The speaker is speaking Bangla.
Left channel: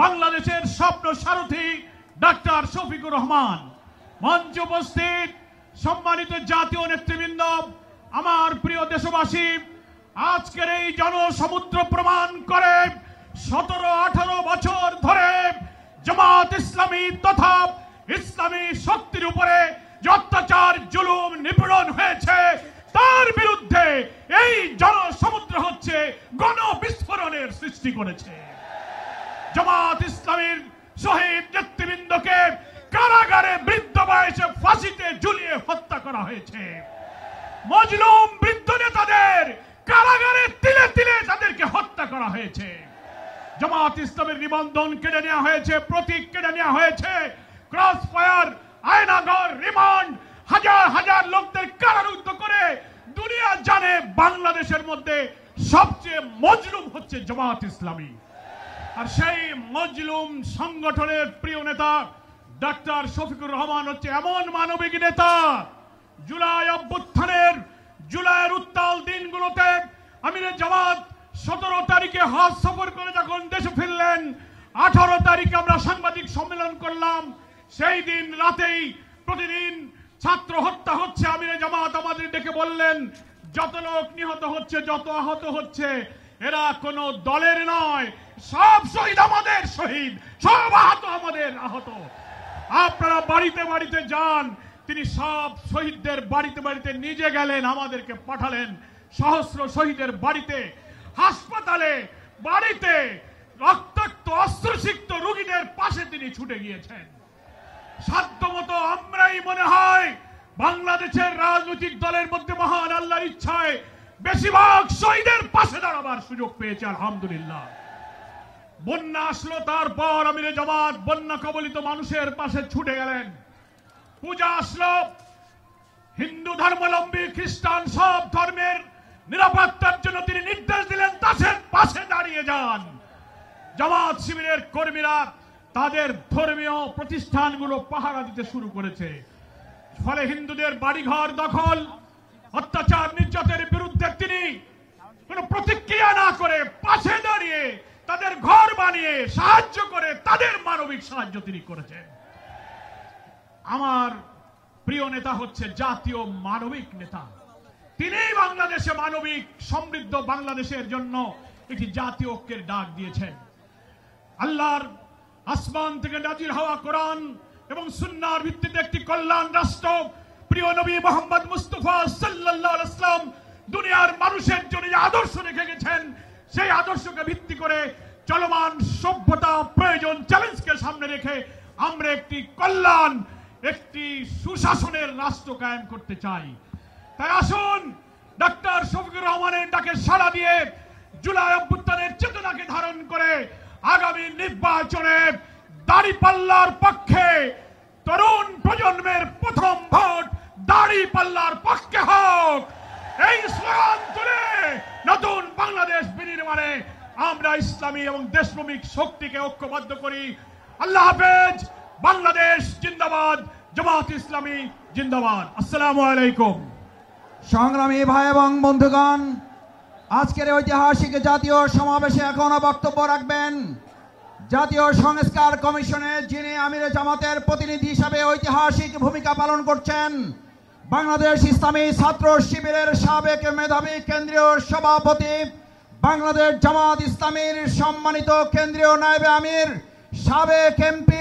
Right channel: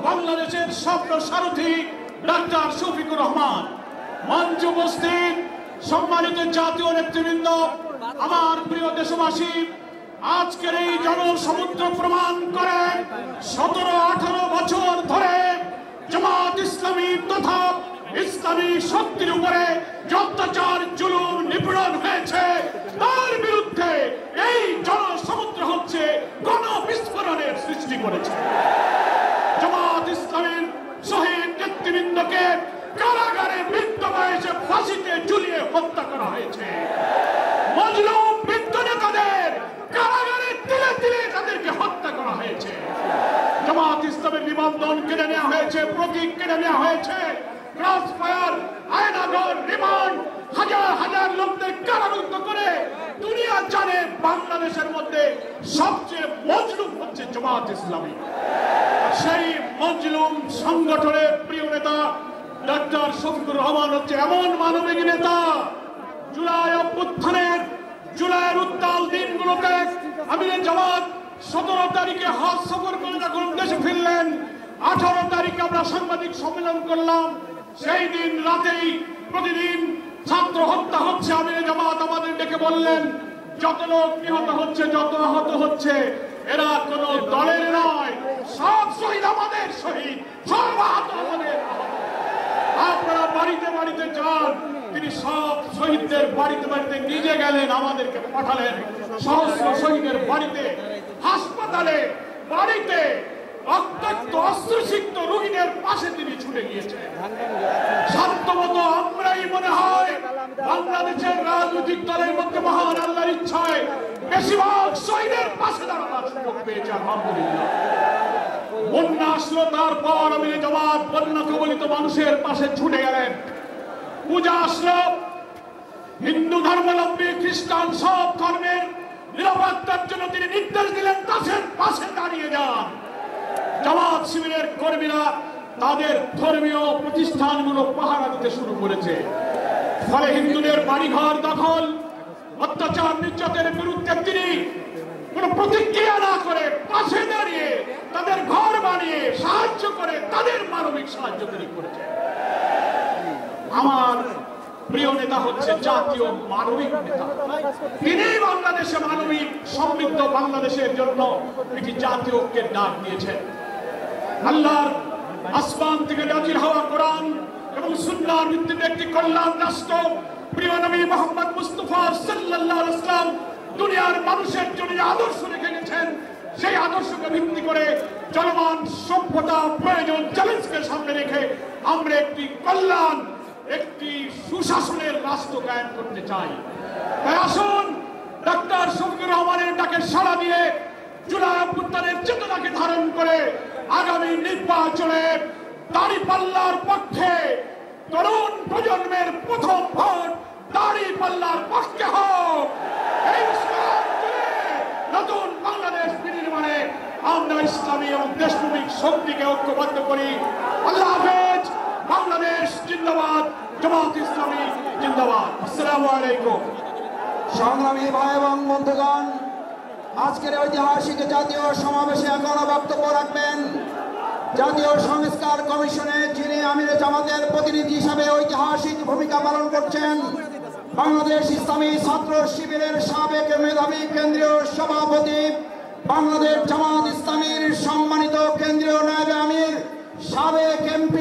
বাংলাদেশের স্বপ্ন সারথি ডাক্তার শফিকুর রহমান, মঞ্চে উপস্থিত সম্মানিত জাতীয় নেতৃবৃন্দ, আমার প্রিয় দেশবাসী, আজকের এই জনসমুদ্র প্রমাণ করে 17-18 বছর ধরে জামাত ইসলামী তথা ইসলামী শক্তির উপরে অত্যাচার জুলুম নিপীড়ন হয়েছে, তার বিরুদ্ধে এই জনসমুদ্র হচ্ছে গণবিস্ফোরণের সৃষ্টি করেছে। জামাত ইসলামীর শহীদ নেতৃবৃন্দকে কারাগারে বৃদ্ধ বয়সে ফাঁসিতে ঝুলিয়ে হত্যা করা হয়েছে। মজলুম বৃদ্ধ নেতাদের কারাগারে তিলে তিলে তাদেরকে হত্যা করা হয়েছে। জামাত ইসলামের নিবন্ধন কেড়ে নেওয়া হয়েছে, প্রতীক কেড়ে নেওয়া হয়েছে, ক্রস ফায়ার, আয়নাঘর, রিমান্ড, হাজার হাজার লোকদের কারারুদ্ধ করে দুনিয়া জানে বাংলাদেশের মধ্যে সবচেয়ে মজলুম হচ্ছে জামাত ইসলামী। সেই মজলুম সংগঠনের প্রিয় নেতা ডাক্তার শফিকুর রহমান হচ্ছে এমন মানবিক নেতা। জুলাই অভ্যুত্থানের জুলাইয়ের উত্তাল দিনগুলোতে আমির জামাত 17 তারিখে হজ সফর করে যখন দেশে ফিরলেন, 18 তারিখে আমরা সাংবাদিক সম্মেলন করলাম। সেই দিন রাতেই প্রতিদিন ছাত্র হত্যা হচ্ছে। আমির জামাত আমাদের ডেকে বললেন, যত লোক নিহত হচ্ছে, যত আহত হচ্ছে, এরা কোনো দলের নয়, সব শহীদ আমাদের শহীদ, সব আহত আমাদের আহত। আপনারা বাড়িতে বাড়িতে যান। তিনি সব শহীদদের বাড়িতে বাড়িতে নিয়ে গেলেন, আমাদেরকে পাঠালেন সহস্র শহীদের বাড়িতে, হাসপাতালে, বাড়িতে রক্তাক্ত অস্ত্রসিক্ত রোগীদের পাশে তিনি ছুটে গিয়েছেন। সাধ্যমত আমরাই মনে হয় বাংলাদেশের রাজনৈতিক দলের মধ্যে মহান আল্লাহর ইচ্ছায় বেশিরভাগ শহীদের পাশে দাঁড়ানোর সুযোগ পেয়েছে। আলহামদুলিল্লাহ। বন্যা আসলো, তারপর আমির জামাত বন্যা কবলিত মানুষের পাশে ছুটে গেলেন। পূজা আসলো, হিন্দু ধর্মাবলম্বী, খ্রিস্টান, সব ধর্মের নিরাপত্তার জন্য তিনি নির্দেশ দিলেন, তাদের পাশে দাঁড়িয়ে যান। জামাত শিবিরের কর্মীরা তাদের ধর্মীয় প্রতিষ্ঠানগুলো পাহারা দিতে শুরু করেছে। ফলে হিন্দুদের বাড়িঘর দখল, অত্যাচার, নির্যাতনের বিরুদ্ধে তিনি কোনো প্রতিক্রিয়া না করে পাশে দাঁড়িয়ে তাদের ঘর বানিয়ে সাহায্য করে তাদের মানবিক সাহায্য করেছে। আমার প্রিয় নেতা হচ্ছে জাতীয় মানবিক নেতা। তিনি বাংলাদেশের মানবিক সমৃদ্ধ বাংলাদেশের জন্য একটি জাতীয়কে ডাক দিয়েছেন। আল্লাহ আসমান থেকে নাযিল হওয়া কোরআন এবং সুন্নাহর ভিত্তিতে একটি কল্যাণ রাষ্ট্র প্রিয় নবী মুহাম্মদ মুস্তাফা সাল্লাল্লাহু আলাইহি ওয়াসাল্লাম দুনিয়ার মানুষের জন্য আদর্শ রেখে গেছেন। সেই আদর্শকে ভিত্তি করে চলমান সভ্যতা, প্রয়োজন, চ্যালেঞ্জকে সামনে রেখে আমরা একটি কল্যাণ, একটি সুশাসনের রাষ্ট্র কায়েম করতে চাই। তাই আসুন ডাক্তার শফিকুর রহমানের ডাকে সাড়া দিয়ে জুলাই অভ্যুত্থানের চেতনাকে ধারণ করে আগামী নির্বাচনে দাঁড়িপাল্লার পক্ষে তরুণ প্রজন্মের প্রথম ভোট দাঁড়িপাল্লার পক্ষে হোক। এই স্লোগান তুলে নতুন বাংলাদেশ বিনির্মাণে আমরা ইসলামী এবং দেশপ্রেমিক শক্তিকে ঐক্যবদ্ধ করি। আল্লাহ হাফেজ। বাংলাদেশ জিন্দাবাদ, জামাত ইসলামী জিন্দাবাদ। আসসালামু আলাইকুম। সংগ্রামী ভাই এবং বন্ধুগণ, আজকের ঐতিহাসিক জাতীয় সমাবেশে এখন বক্তব্য রাখবেন জাতীয় সংস্কার কমিশনের যিনি আমির জামাতের প্রতিনিধি হিসেবে ঐতিহাসিক ভূমিকা পালন করছেন, বাংলাদেশ ইসলামী ছাত্র শিবিরের সাবেক মেধাবী কেন্দ্রীয় সভাপতি, বাংলাদেশ জামাত ইসলামীর সম্মানিত কেন্দ্রীয় নায়েবে আমির, সাবেক এমপি